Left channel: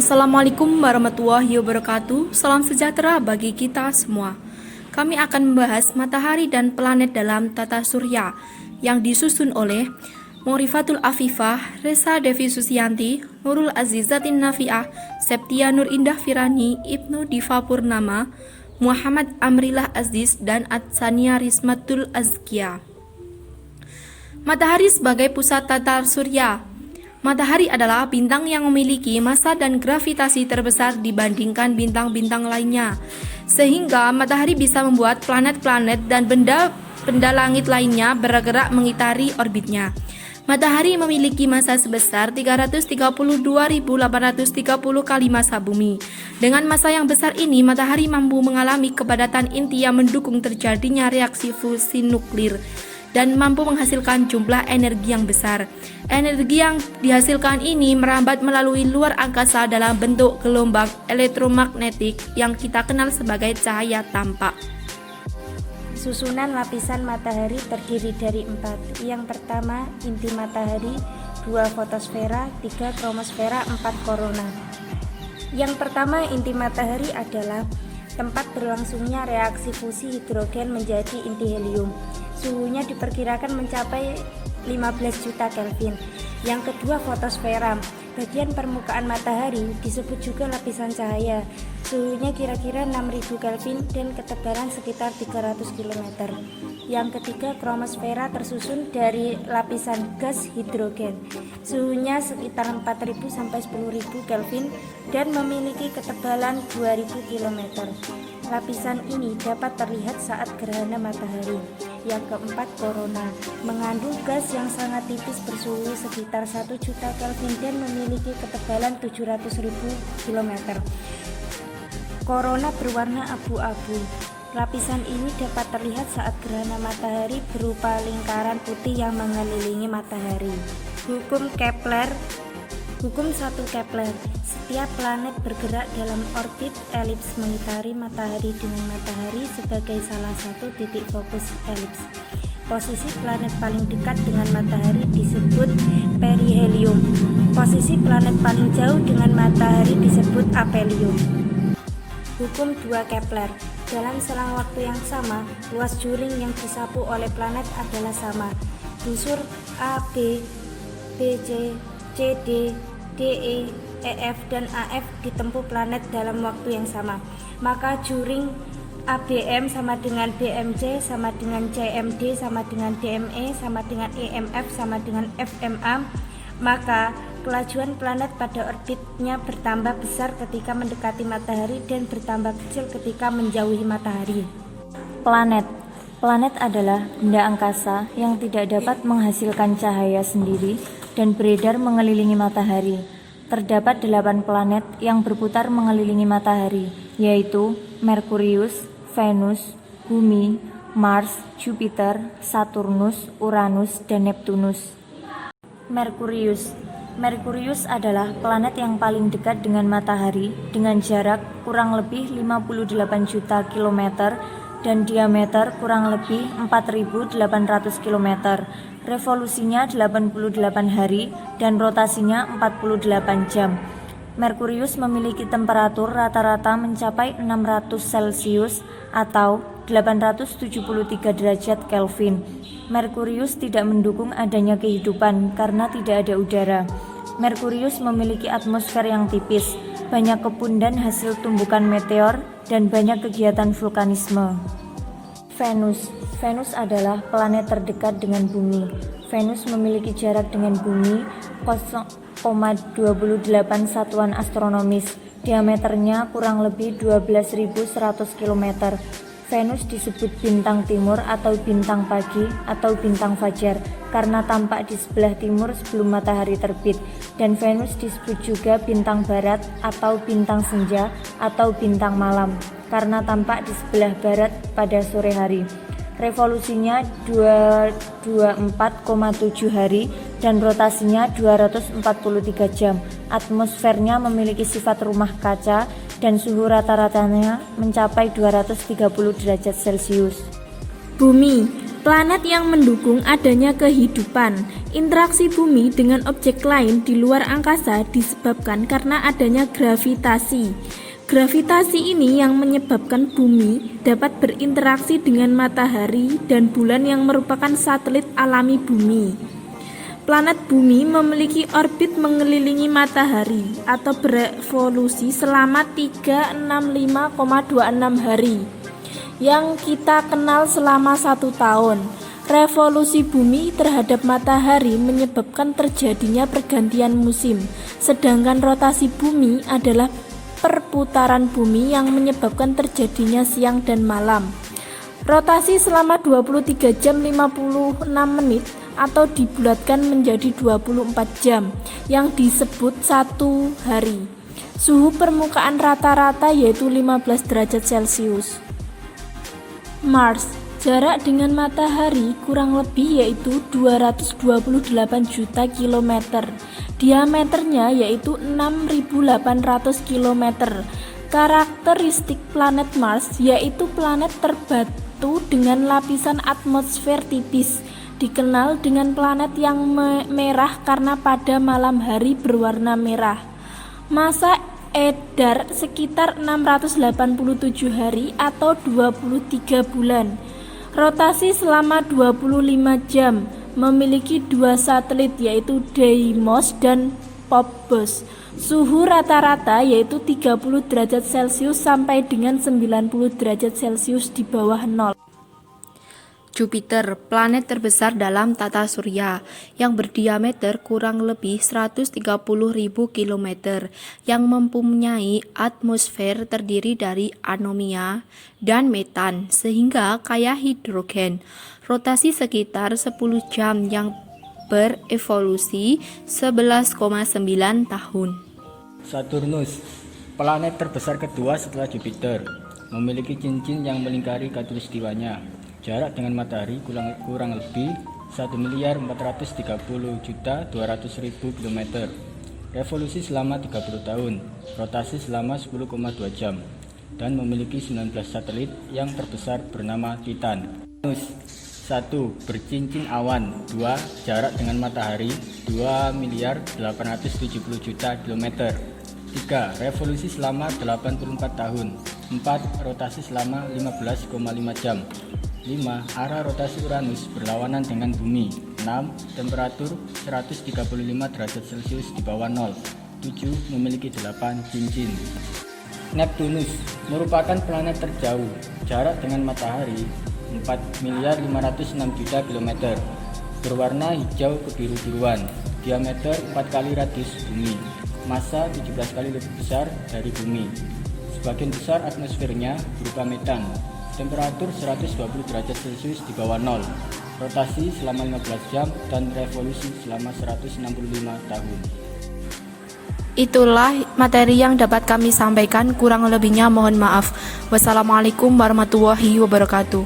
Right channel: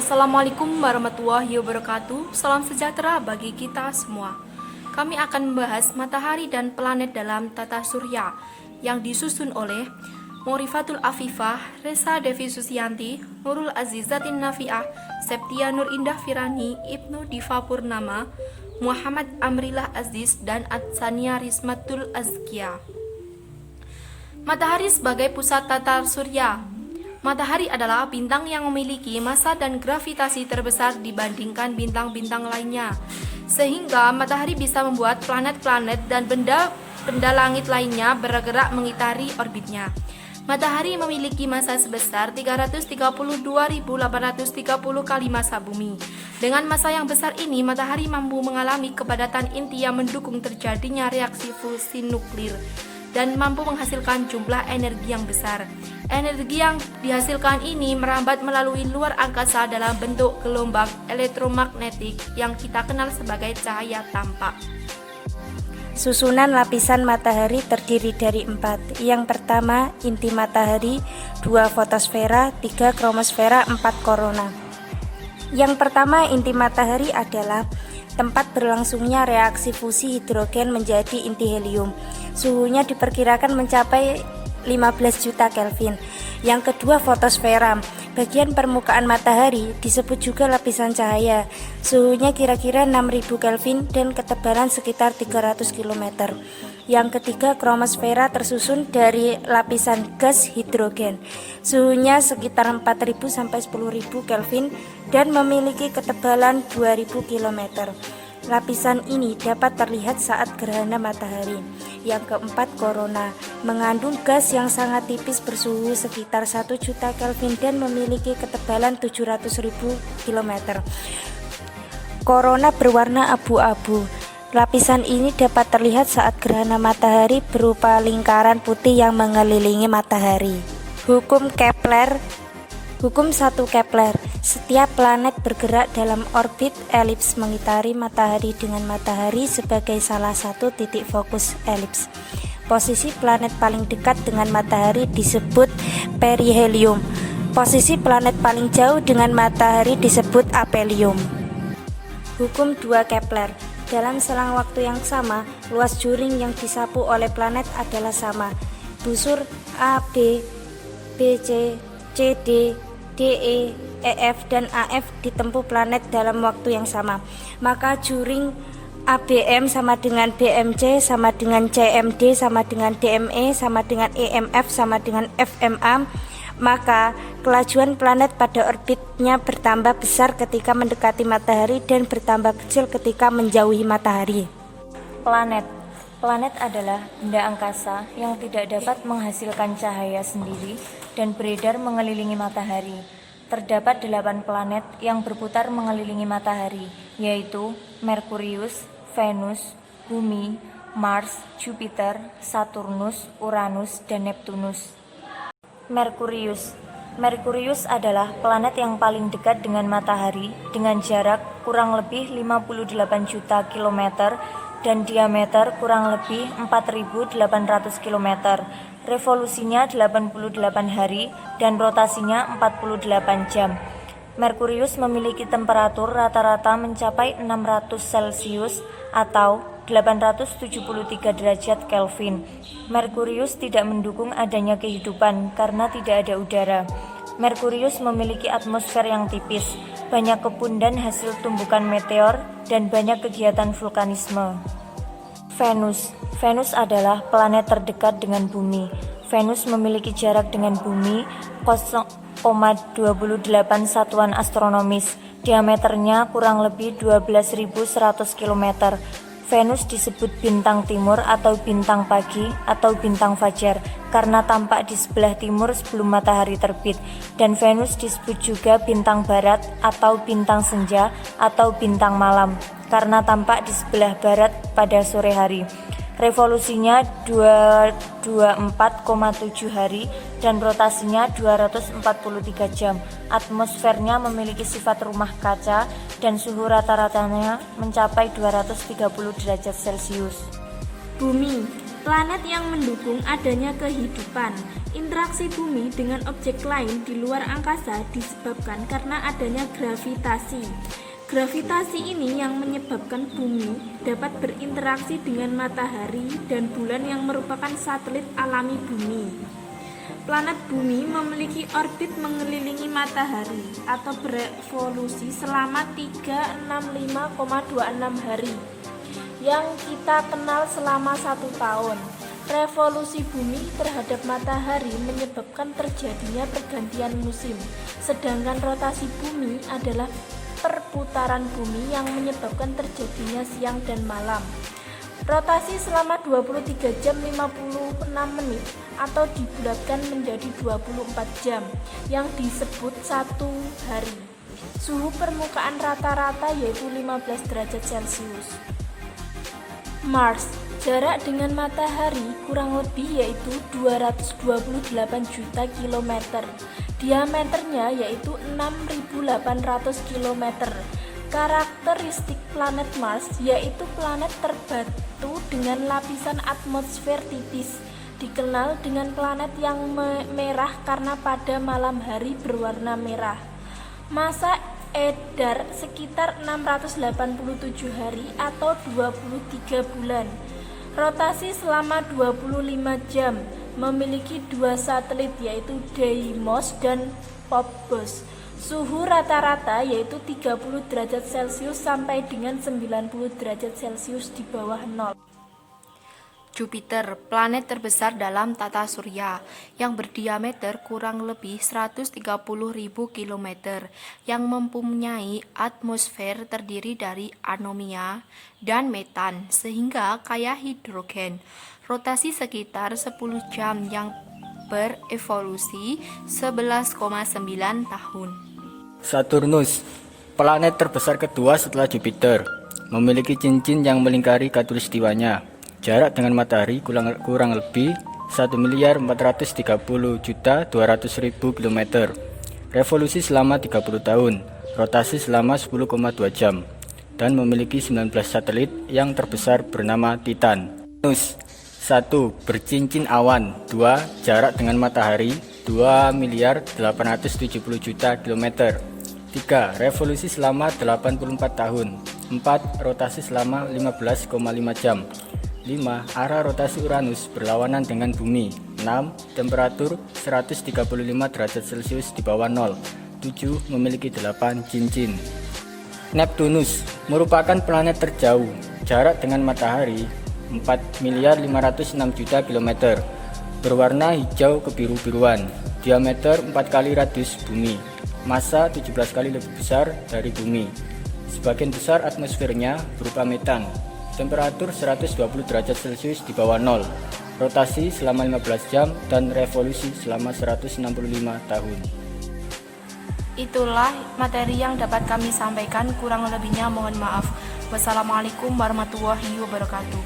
Assalamualaikum warahmatullahi wabarakatuh. Salam sejahtera bagi kita semua. Kami akan membahas matahari dan planet dalam tata surya yang disusun oleh Morifatul Afifah, Resa Devi Susianti, Nurul Azizatin Nafiah, Septia Nur Indah Firani, Ibnu Diva Purnama, Muhammad Amrillah Aziz, dan Atsania Rismatul Azkia. Matahari sebagai pusat tata surya. Matahari adalah bintang yang memiliki massa dan gravitasi terbesar dibandingkan bintang-bintang lainnya, sehingga matahari bisa membuat planet-planet dan benda langit lainnya bergerak mengitari orbitnya. Matahari memiliki massa sebesar 332.830 kali massa bumi. Dengan massa yang besar ini, matahari mampu mengalami kepadatan inti yang mendukung terjadinya reaksi fusi nuklir dan mampu menghasilkan jumlah energi yang besar. Energi yang dihasilkan ini merambat melalui luar angkasa dalam bentuk gelombang elektromagnetik yang kita kenal sebagai cahaya tampak. Susunan lapisan matahari terdiri dari 4. Yang pertama, inti matahari, 2 fotosfera, 3 kromosfera, 4 korona. Yang pertama, inti matahari adalah tempat berlangsungnya reaksi fusi hidrogen menjadi inti helium. Suhunya diperkirakan mencapai 15 juta Kelvin. Yang kedua, fotosfera. Bagian permukaan matahari disebut juga lapisan cahaya. Suhunya kira-kira 6000 Kelvin dan ketebalan sekitar 300 km. Yang ketiga, kromosfera, tersusun dari lapisan gas hidrogen. Suhunya sekitar 4000 sampai 10000 Kelvin dan memiliki ketebalan 2000 km. Lapisan ini dapat terlihat saat gerhana matahari. Yang keempat, korona, mengandung gas yang sangat tipis bersuhu sekitar 1 juta Kelvin dan memiliki ketebalan 700.000 km. Korona berwarna abu-abu. Lapisan ini dapat terlihat saat gerhana matahari berupa lingkaran putih yang mengelilingi matahari. Hukum Kepler. Hukum 1 Kepler. Setiap planet bergerak dalam orbit elips mengitari matahari dengan matahari sebagai salah satu titik fokus elips. Posisi planet paling dekat dengan matahari disebut perihelium. Posisi planet paling jauh dengan matahari disebut aphelium. Hukum 2 Kepler. Dalam selang waktu yang sama, luas juring yang disapu oleh planet adalah sama. Busur A, B, C, D, E, EF, dan AF ditempuh planet dalam waktu yang sama. Maka juring ABM sama dengan BMC sama dengan CMD sama dengan DME sama dengan EMF sama dengan FMA. Maka kelajuan planet pada orbitnya bertambah besar ketika mendekati matahari dan bertambah kecil ketika menjauhi matahari. Planet. Planet adalah benda angkasa yang tidak dapat menghasilkan cahaya sendiri dan beredar mengelilingi matahari. Terdapat 8 planet yang berputar mengelilingi matahari, yaitu Merkurius, Venus, Bumi, Mars, Jupiter, Saturnus, Uranus, dan Neptunus. Merkurius. Merkurius adalah planet yang paling dekat dengan matahari dengan jarak kurang lebih 58 juta kilometer dan diameter kurang lebih 4.800 km. Revolusinya 88 hari dan rotasinya 48 jam. Merkurius memiliki temperatur rata-rata mencapai 600 Celcius atau 873 derajat Kelvin. Merkurius tidak mendukung adanya kehidupan karena tidak ada udara. Merkurius memiliki atmosfer yang tipis, banyak kebun dan hasil tumbukan meteor, dan banyak kegiatan vulkanisme. Venus. Venus adalah planet terdekat dengan Bumi. Venus memiliki jarak dengan Bumi 0,28 satuan astronomis. Diameternya kurang lebih 12.100 km. Venus disebut bintang timur atau bintang pagi atau bintang fajar karena tampak di sebelah timur sebelum matahari terbit, dan Venus disebut juga bintang barat atau bintang senja atau bintang malam karena tampak di sebelah barat pada sore hari. Revolusinya 224,7 hari dan rotasinya 243 jam. Atmosfernya memiliki sifat rumah kaca dan suhu rata-ratanya mencapai 230 derajat Celcius. Bumi, planet yang mendukung adanya kehidupan. Interaksi bumi dengan objek lain di luar angkasa disebabkan karena adanya gravitasi. Gravitasi ini yang menyebabkan bumi dapat berinteraksi dengan matahari dan bulan yang merupakan satelit alami bumi. Planet bumi memiliki orbit mengelilingi matahari atau berevolusi selama 365,26 hari yang kita kenal selama 1 tahun. Revolusi bumi terhadap matahari menyebabkan terjadinya pergantian musim, sedangkan rotasi bumi adalah perputaran bumi yang menyebabkan terjadinya siang dan malam. Rotasi selama 23 jam 56 menit atau dibulatkan menjadi 24 jam yang disebut 1 hari. Suhu permukaan rata-rata yaitu 15 derajat Celcius. Mars, jarak dengan matahari kurang lebih yaitu 228 juta kilometer. Diameternya yaitu 6.800 km. Karakteristik planet Mars yaitu planet terbatu dengan lapisan atmosfer tipis. Dikenal dengan planet yang merah karena pada malam hari berwarna merah. Masa edar sekitar 687 hari atau 23 bulan. Rotasi selama 25 jam. Memiliki 2 satelit yaitu Deimos dan Phobos. Suhu rata-rata yaitu 30 derajat Celcius sampai dengan 90 derajat Celcius di bawah nol. Jupiter, planet terbesar dalam tata surya yang berdiameter kurang lebih 130.000 km yang mempunyai atmosfer terdiri dari anomia dan metan sehingga kaya hidrogen. Rotasi sekitar 10 jam yang berevolusi 11,9 tahun. Saturnus, planet terbesar kedua setelah Jupiter, memiliki cincin yang melingkari khatulistiwanya. Jarak dengan matahari kurang lebih 1.430.200.000 km. Revolusi selama 30 tahun, rotasi selama 10,2 jam, dan memiliki 19 satelit yang terbesar bernama Titan. Venus 1. Bercincin awan. 2. Jarak dengan matahari 2.870.000.000 km. 3. Revolusi selama 84 tahun. 4. Rotasi selama 15,5 jam. 5. Arah rotasi Uranus berlawanan dengan bumi. 6. Temperatur 135 derajat Celcius di bawah nol. 7. Memiliki 8 cincin. Neptunus merupakan planet terjauh. Jarak dengan matahari 4.506.000.000 km. Berwarna hijau kebiru-biruan. Diameter 4 kali radius bumi. Massa 17 kali lebih besar dari bumi. Sebagian besar atmosfernya berupa metan. Temperatur 120 derajat Celcius di bawah nol. Rotasi selama 15 jam dan revolusi selama 165 tahun. Itulah materi yang dapat kami sampaikan, kurang lebihnya mohon maaf. Wassalamualaikum warahmatullahi wabarakatuh.